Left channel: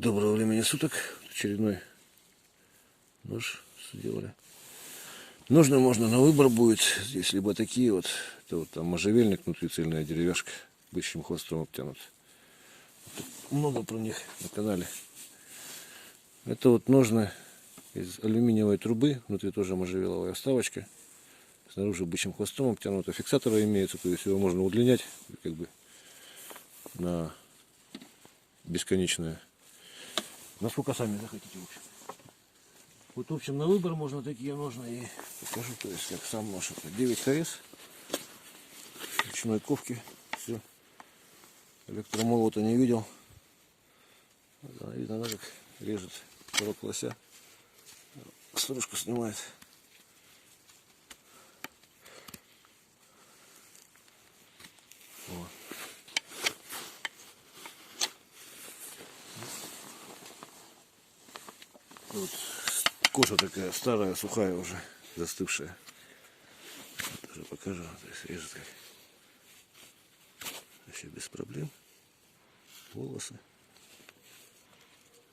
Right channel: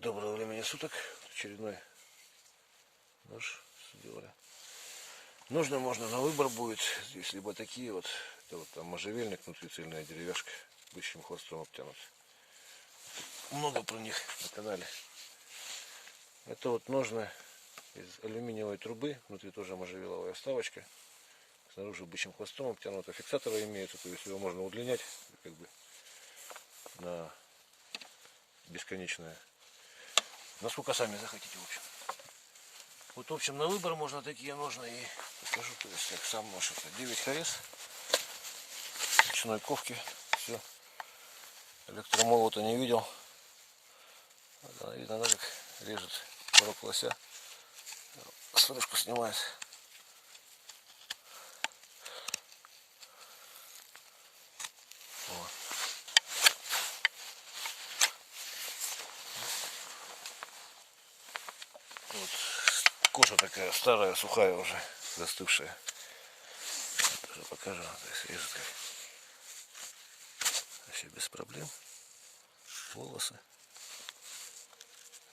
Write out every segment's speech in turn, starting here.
Доброго времени суток. Очередной нож сделали. Нужно можно на выбор будет. Здесь либо такие вот, это вот там можжевельник, внутри цельная деревяшка, бычьим хвостом обтянут. Тут много про них на канале. Это вот ножны из алюминиевой трубы, внутри тоже можжевеловая вставочка. Снаружи бычьим хвостом обтянута. Фиксаторы имеются, то есть его можно удлинять как бы на бесконечное. Насколько сами захотите, в общем. Вот, в общем, на выбор можно такие ножны и покажу, то есть как сам нож. 9 хорез, ручной ковки, все. Электромолота не видел. Видно, как режет порог лося. Стружку снимает. Вот. Вот. Кожа такая старая, сухая уже, застывшая. Тоже покажу, то есть режет как. Вообще без проблем. Волосы.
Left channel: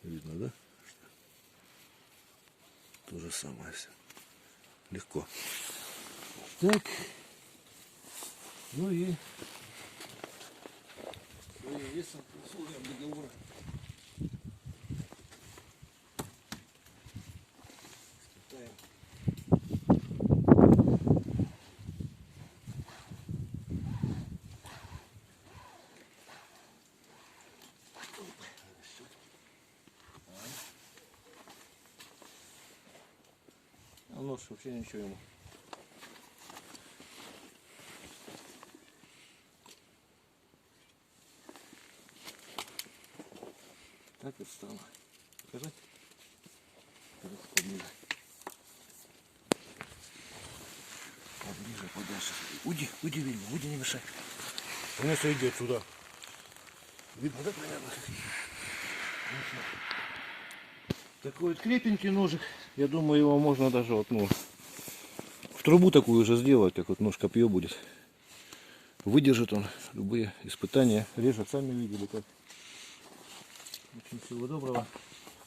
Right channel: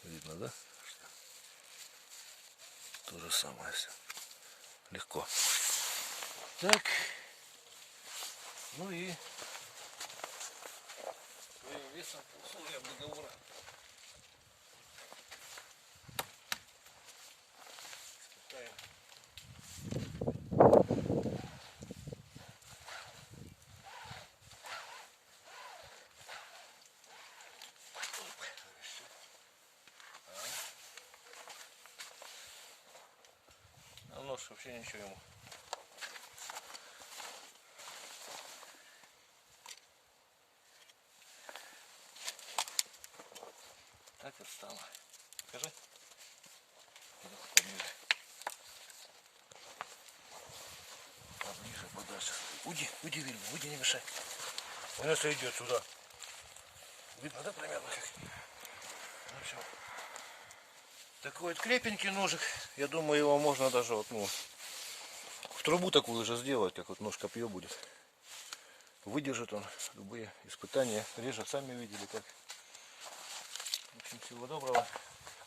Видно, да? То же самое все. Легко. Так. Ну и весом условия договора. Испытаем. А нож вообще ничего ему. Так вот стало. Покажи. Поближе. Поближе, подальше. Уйди, Вильня, уйди, не мешай. Он если идет сюда. Видно, да, примерно как? Ну, такой вот крепенький ножик. Я думаю, его можно даже вот, ну, в трубу такую уже сделать, как вот нож копье будет. Выдержит он любые испытания. Режет, сами видели как. В общем, всего доброго.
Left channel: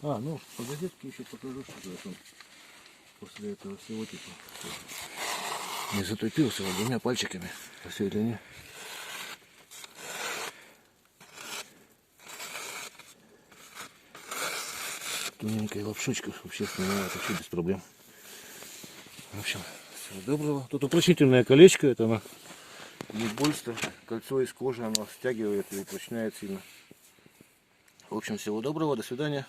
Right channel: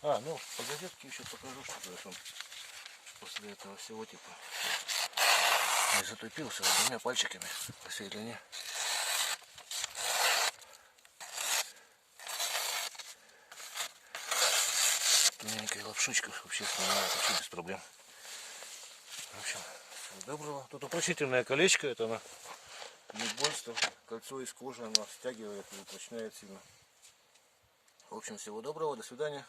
Ну, по газетке еще покажу, что там после этого всего типа не затупился двумя пальчиками по всей длине. Тоненькая лапшичка вообще снимает вообще без проблем. В общем, всего доброго. Тут упрочнительное колечко, это оно не больше, кольцо из кожи, оно стягивает и упрочняет сильно. В общем, всего доброго, до свидания.